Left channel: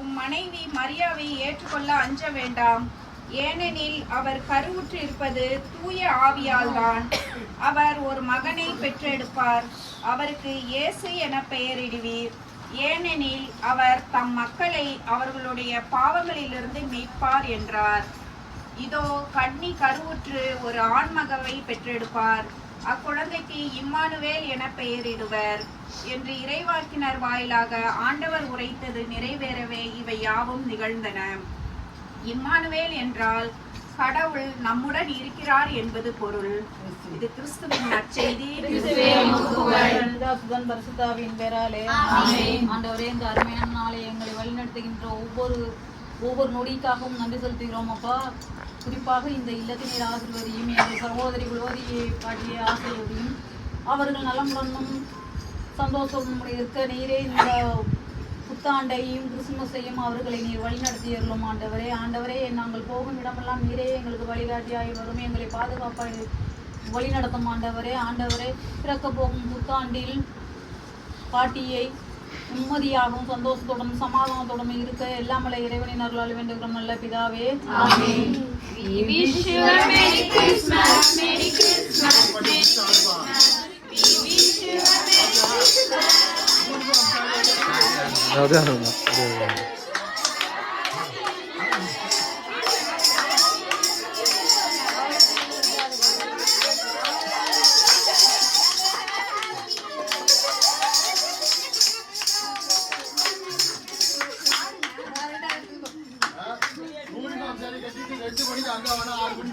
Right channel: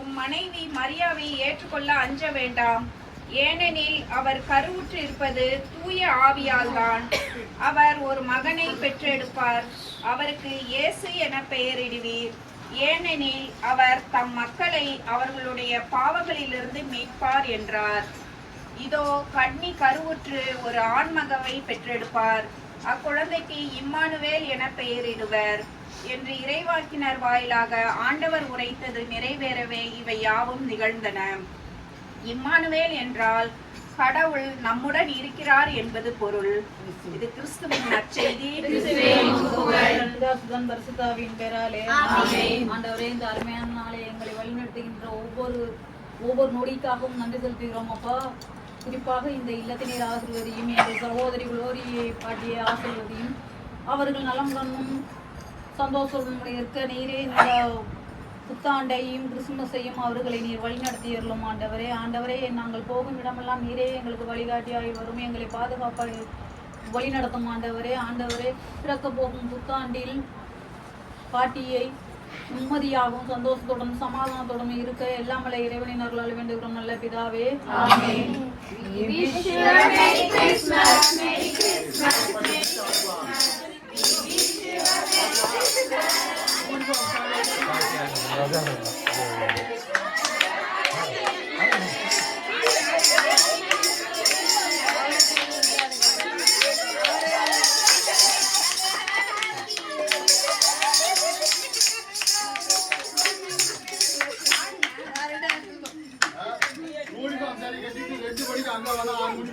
உம் மனைவி மரியாவை ஏற்றுக்கொள்ள அஞ்ச வேண்டாம். ஏனெனில் அவர் கருவுற்று இருப்பது தூய ஆவியால்தான். அவர் ஒரு மகனை பெற்றெடுப்பார். அவருக்கு இயேசு என பெயரிடுவீர். ஏனெனில் அவர் தம் மக்களை அவர்களுடைய பாவங்களிலிருந்து மீட்பார் என்றார். இதோ கன்னி கருவுற்று ஒரு ஆண்மகவை பெற்றெடுப்பார். அக்குழந்தைக்கு இம்மானுவேல் என பெயரிடுவர் என்று இறைவாக்கினர் வாயிலாக ஆண்டவர் உரைத்தது நிறைவேறவே இவை யாவும் நிகழ்ந்தன. இம்மானுவேல் என்றால் கடவுள் நம்முடன் இருக்கிறார் என்பது பொருள். இது கிறிஸ்துவின் நற்செய்தி. பரிசுத்தாவின் பேராலே ஆண்டவரே, இந்த அருமையான நாளை எங்களை வழிநடத்துகின்ற ஒவ்வொரு நொடிக்காகவும் நன்றி செலுத்துகிறோம் அப்பா. குறிப்பாக இந்த இல்லத்தினர் ஆசிர்வதியும் எங்கள் சகோதரிகளோடு பாட்டிய ஆசிர்வதியும் அவர்கள் நலமுடனும் சந்தோஷமும் இருக்க நீரே இந்த புத்தாண்டையும் கிறிஸ்துமஸையும் அவர்களை நீர் வழிநடத்தியறலும் ஆண்டவரே. ஆண்டவரே, நாங்கள் போகும் இடமெல்லாம் நீரே எங்களுக்கு வழிகாட்டியாகி வரும், எங்களை பாதுகாப்பாக வழிநடத்தும் ஆண்டவரே. ஆண்டவரே, பிறக்க போகும் புத்தாண்டில் பாட்டியை நிம்மதியாகவும் சந்தோஷத்துடன் சமாதானத்துடன் இருக்க எல்லாமலை இறைவனின் அருளால் வேண்டுகிறோம் நல்ல பிதாவே. 아멘.